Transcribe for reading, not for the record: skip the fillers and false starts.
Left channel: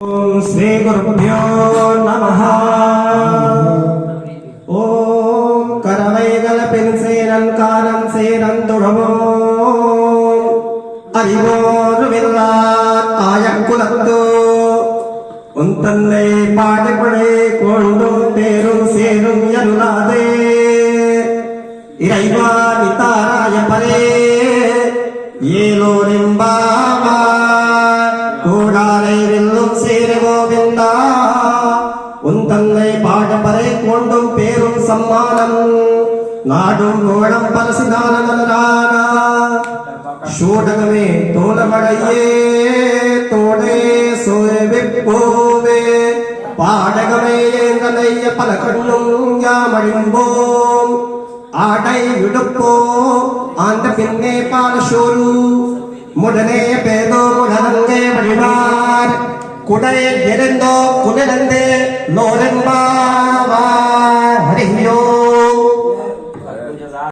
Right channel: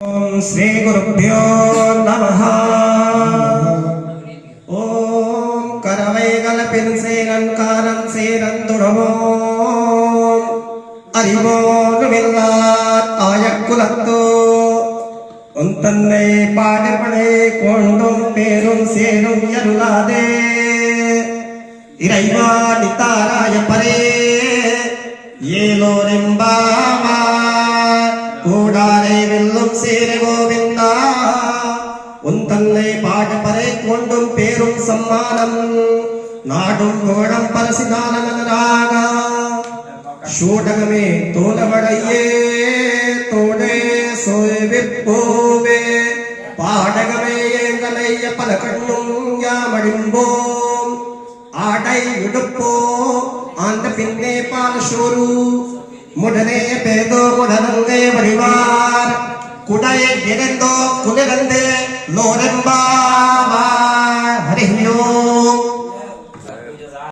श्री गुरुभ्यो नमः। ओम करवैगल पिन सेनन कानन सेनन तुड़मो அறிவோர் வெல்லார் ஆயக்குலத்தோ உன் தன்னை பாடுபடை கொண்டும் பேரும் சேரும் அருளாதே இறைவா நித்தாராய பரே ஏலோரெம்பாவா கூடாரை வெல்லும் சேர கோவிந்தா உன் தன்னை பாடுபடை கொண்டும் பேரும் சம்மானம் நாடும் கோடம் பரசிதான நலராகா ஷோடகமே தோலமடையே தோடே சோய வெப்போவே பாடகமே ஏங்கலைய பல கண்ணும் யாமடிம்போம் ஆடை விடுப்போ ஆண்ட பின்னே பாலசோரு முடனே பேதோ முடனங்கே வழிவார் குடை எரிந்தோ குனிரந்தே லோரெம்பாவார் ஹரியோ